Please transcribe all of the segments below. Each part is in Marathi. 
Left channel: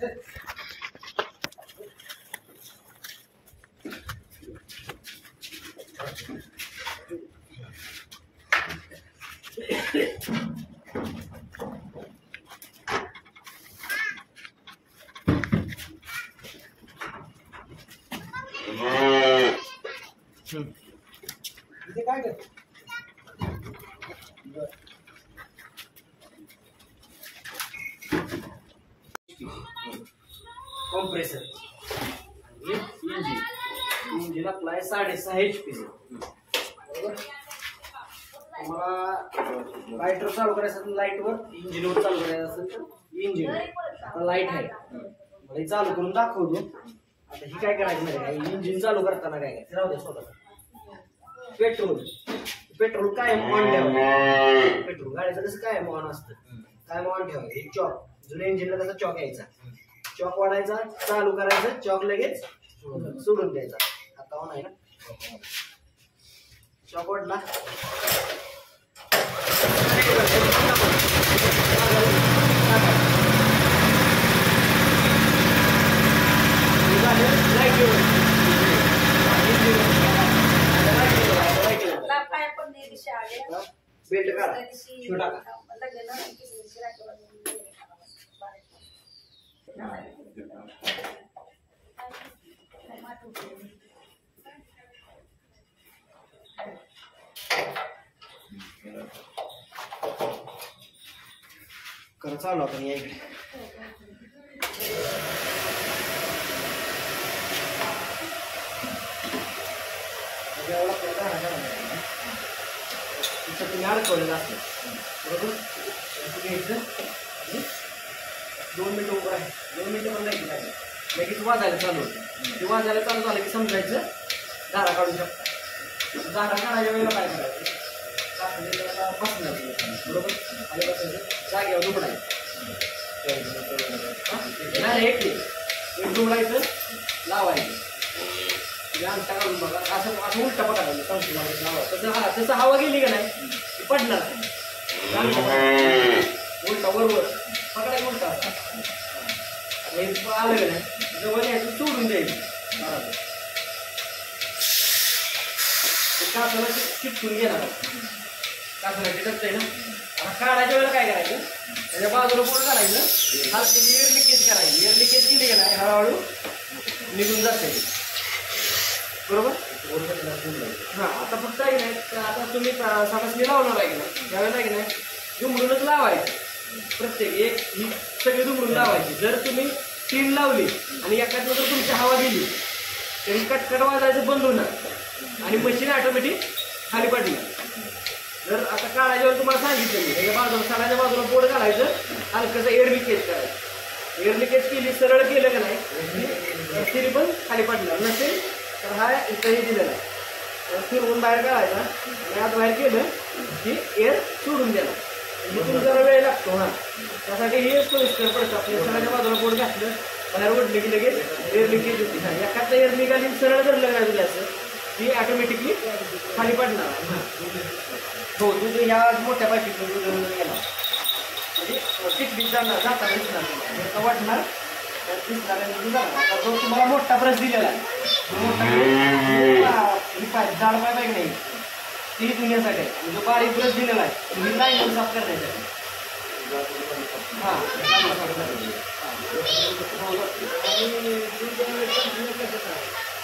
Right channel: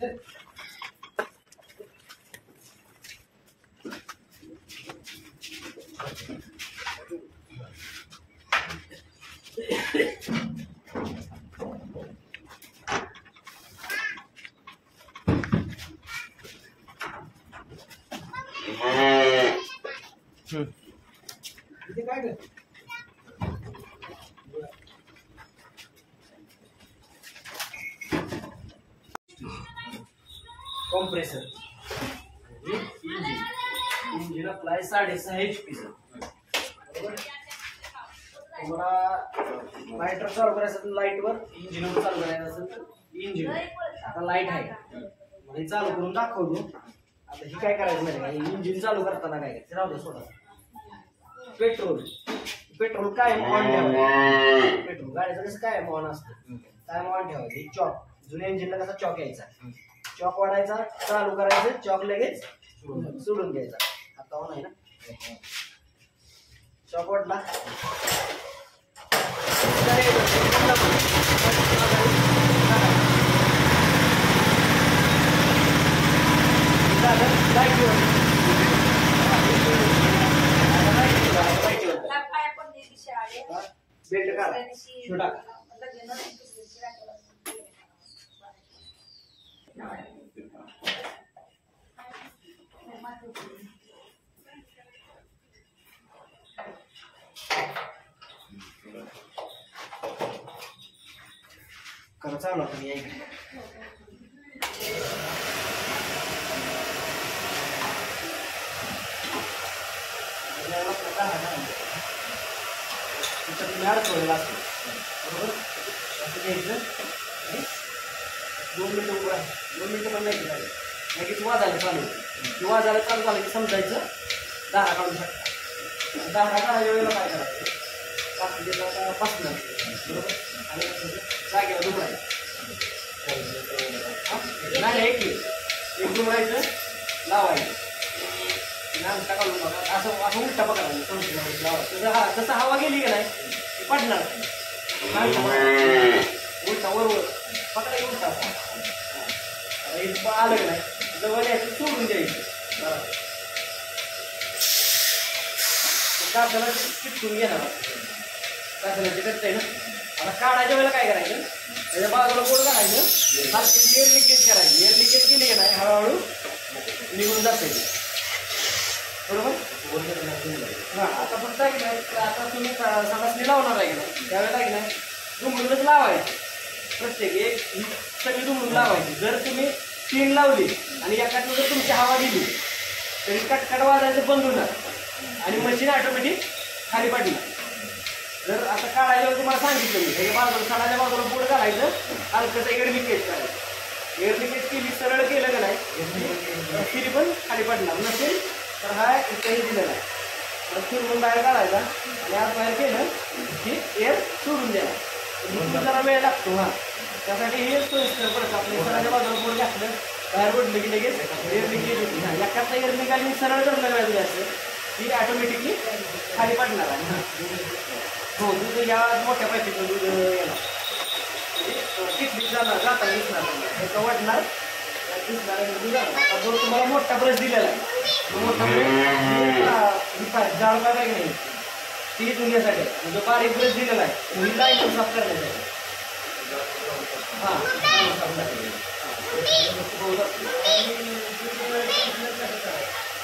इथे काय कर कॉम्प्रेसर इंजिन आपला आहे 6.5 HP बरोबर. तुम्हाला लाईटवर चालू करायचं असेल लाईटवर, इंजिनवर चालू करायचं असेल तर इंजिन. आता लाईट आहे मला चालू करून दाखवतो. आता ही काय करायचं माहिती आहे, इंजिन चालू करताना काय करायचं राहू द्या स्वतः. पेट्रोल कायम ऑन ठेवायचं. पेट्रोल गाडीचं कसं कायम ऑन असतं, कायम ऑन ठेवायचं. चॉक जुन्या इंजिनला कसा चॉक यायचा, चॉक वाढायचा, चालू करायचं, चॉक लगेच सोडून द्यायचा. आता ऑन आहे ना, चॉक वाढला बेल्ट काढा छोटा का करा चालू आता मी अडकवलेला असतो बरोबर. असं घ्यायचं 2 मिनिटं उभं आहे, 2 मिनिटं पण नाही लगेच वाजायला चालू होतं. वाजायला चालू झालं की समजायचं धारा काढू शकता. धारा काढायच्या वेळेला काय करायचं, पासून बरोबर आणि जागेवर दुमडायचं. नाही एक दुमडायचं लावायचं. आमच्या काढून बघा असं असं उलटा पकडायचं संस्कृत. तसं हवा गेली का नाही पडणार, उलटा वरवर पकडायचं उलटा असा आलं का नाही जवळ यायचं सोडून द्यायचं. कासाला चिटकून घेणार, कासाला चिटकतंय ना. आता काढायच्या वेळेला काय करायचं, त्याच्या बाजूला कोण काढायचं, हलकी एअर लिकेज करायची. एअर लिकेज केली का नाही हळूहळू निघून जाते बरोबर. हा आता फक्त आहे की नाही, आता तुम्ही साठासनी लावणार आहे की नाही त्यावेळेला आहे की नाही दुमडूनच लावायचं. प्रत्येक एक सगळी दुमडून लावायची. जर तुम्ही पिन लावली आणि एकाच जर तुमची हवा गेली तरी कटकट वाजायचं बंद होणार आणि मशीन ऑटोमॅटिक खाली पडणार. जर आता काढायच्या तुम्हाला सांगितलं मी त्याच्या बाजूला साडाच्या बाजूला बोर्ड घालायचं, हलकंसं एअर लिकेज करायचं. एअर लिकेज केली सरळ केलं का नाही तरी पण खाली पडणार नसेल तर हा इथंही दिलेला आहे. फिरवून बाहेर काढायचा आणि आत बाहेर केलं की एअर सोडून द्यायला. इथून जरा वेळ लागतो. हा त्यासाठी हे सोयीस्कर पडतं. आपल्या सडाच्या बाजूला बोर्ड घातलं बाहेर ओढलं की लगेच एअर लिकेज होती. हा एखादा एअर निघाली सरळ धरलं नाही जायचं ती ऑटोमॅटिकली खाली पडणार आहे. हां हो दूध ह्या मोठ्या पाईपीतलं दूध येणार पिकलीत जाणार जाताना दिसणार त्याचं वाटणार दिसणार दूध जाणार. आता जो तुम्हाला मोठा ब्रश दिलेला आहे मोठा ही पाईप जाड पाईप आहे नाही ती दुनियासाठी आहे. जो बारीक ब्रश दिलेला आहे ही लाईन साफ करण्यासाठी. हां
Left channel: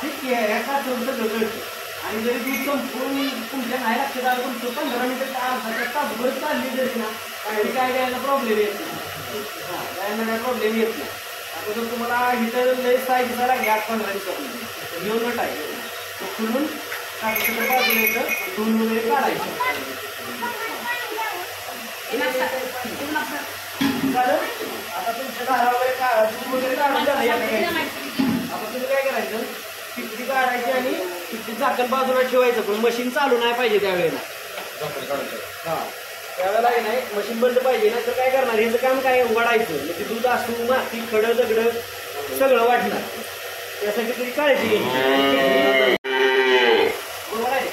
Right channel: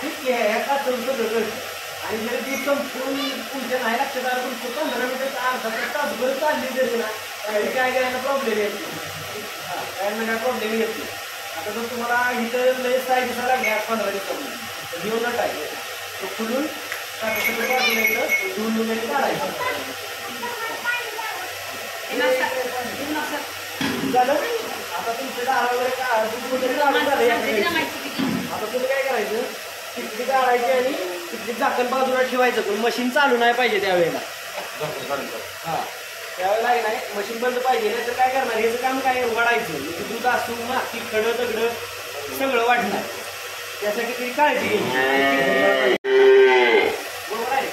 ठीक आहे ह्या का तुमचं आणि जरी दूध संपून तुमच्या नाही लक्षात आलं तुमचं 15 मिनिटं अर्धा तासभर चालली जरी ना काही काय गायला प्रॉब्लेम येत नाही. हां गायला काय प्रॉब्लेम येत नाही. आता जर तुम्हाला इथं लय साय दिसायला लागली 8-15 दिवसामध्ये घेऊन नट आहे खुलून सगळं बाजूला येतं धुवून वगैरे काढायचं. आता तुमचे दार वगैरे का दूध वगैरे काढून झालं. आता तुम्ही काय करायचं टिकटी काढायची आणि टिकटी झाकण बाजूला ठेवायचं पण मशीन चालू नाही पाहिजे त्यावेळेला. हां त्यावेळेला नाही मशीन बंद पाहिजे नाही तर काय करणार ह्याचं काम काय वाढायचं म्हणजे दूध असून माती खडं दगडं सगळं वाढणार. त्यासाठी तरी काळजी घ्यायची बरोबर आहे.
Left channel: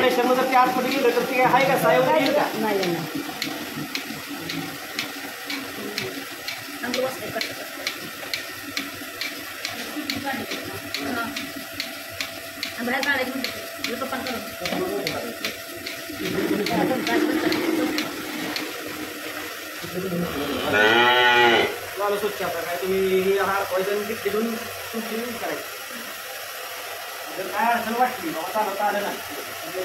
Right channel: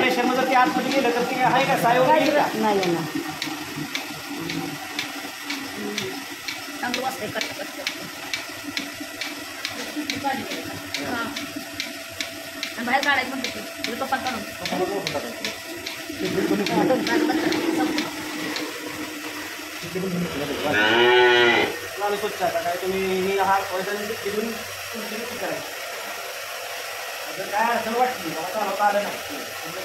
प्रेशरमध्ये आतमध्ये गेलं तर ते आहे का साय वगैरे का नाही चांगलं वाजतंय कट आणि बाहेर काढायचं म्हणते तो पण काढून मला स्वच्छ आता काय तुम्ही हे हा वैजन तिथून तुमची यूज करायची म्हणजे काय अडचण वाटली बाबा चालवता आलं नाही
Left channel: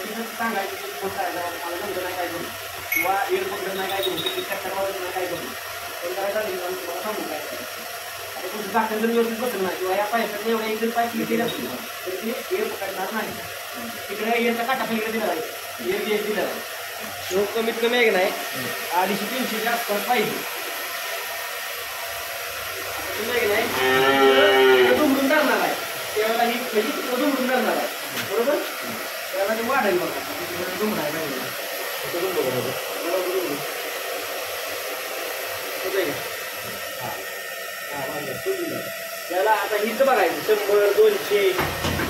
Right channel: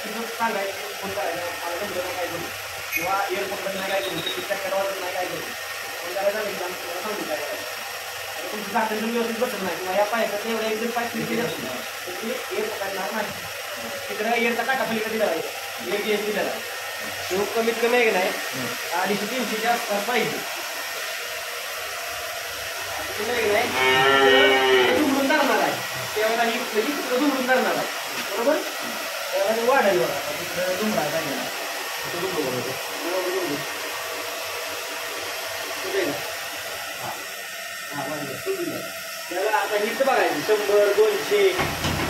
तिथं सांगायचं फोन करायचा मला जमलं नाही काय करू किंवा एअरपोर्टला नाही काय करू चक्कर वाजत नाही काय करू पण त्याला सांगितलं आम्ही तुम्हाला सांगू काय करायचं आता तुमचं झाकण जर व्यवस्थित बसलं नाही किंवा या पायपात एवढ्या एक जर पाईप लिकेज असतील तर ते एअर पकडणार नाही तिकडे एअरचा काटा पलीकडे दिला आहे एअर गेस दिलेला आहे तो कमीत कमी आहे की नाही 250-300च्या आसपास पाहिजे दुमडून धरणार आहे तेव्हा ही म्हणजे तिकडं दुमडून धरणार आहे बरोबर त्याला ते वाढेल बघा तिकडे दुमडायला त्याला आता हीच बघायचं 100-200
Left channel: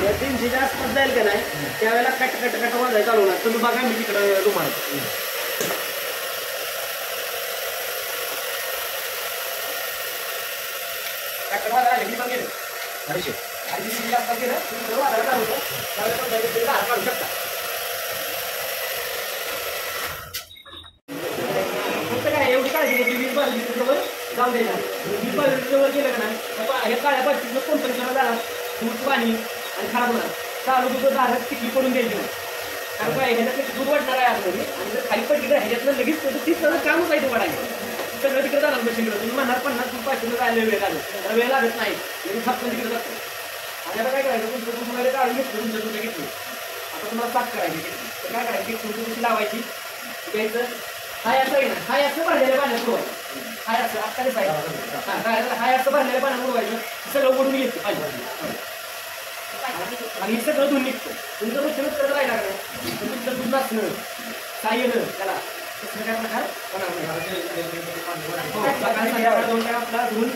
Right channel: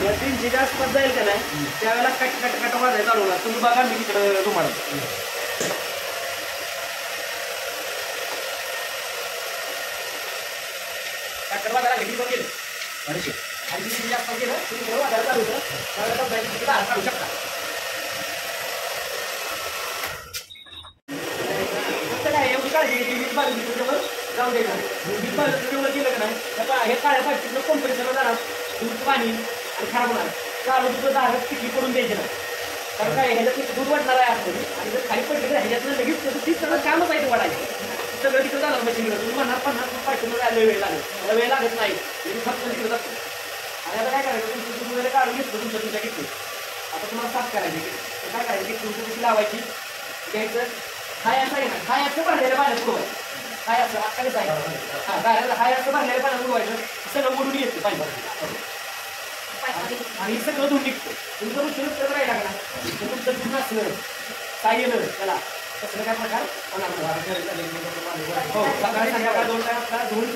या 300च्या आसपास जाईल का नाही त्यावेळेला कट वाजायला चालू होणार तुम्ही बघा मी तिकडे तुम्हाला वाजायला ही पण गेलं आणि जास्त केलं तुम्ही वाजायला चालू होतं त्यावेळेला बँकेत काढू शकता फक्त काय एवढी काळजी घ्यायची 20 बाजूच्या जवळ जाऊ द्यायचा 20 बाजूच्या जवळ गेलं का नाही हे काळ्या बाजूचं कंपनीचं जाणार दूध पाणी आणि खराब होणार चालू दुसरं दारात किती पडून द्यायचं नाही कारण काय ह्याच्यातलं दूध वाटणार आहे आतमध्ये आणि जर खाली पडली तर ह्याच्यातलं लगेच तीच सगळं कामच आहे ते वाढायचं सगळं तिकडे जाणार मशीनवर तुम्ही म्हणणार 50 रुपये राहिले वेळ लागेल मला वेळ लागत नाही मी फक्त तिकडे जातो आणि आता काय करायचं तुमचं दूध वगैरे काढून घेतलं तुमच्या दुधा घेतली आता तुम्हाला साफ करायची तर काय करायची तुमची कशी लावायची घ्यायचं हाय असं आहे ना हाय असं भरलेलं पाण्यात बुडवायचं हाय असं आत्ता कसं आहे हाय असं भरलेलं पाण्यात बुडवायचं सगळं बुडून घेतं पाणी आणि सगळं दूध निघतं तुमचं रोजचं करत राहिला का तर तुमचं दूध नसणं काय येणं त्याला तसं काय प्रकार हो सकाळी संध्याकाळ 2 टाइम आपला धुवून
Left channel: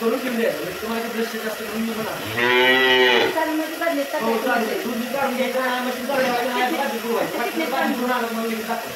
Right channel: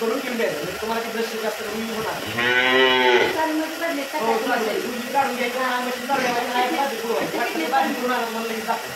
करून घेऊन द्यायचं म्हणजे तुम्हाला ते ब्रश जास्त करून होणार हो चालेल दूध काढून घ्यायचं मशीन चालवायचं भाजी पुरवायची भाजी पुरवणार मला लगेच दाखव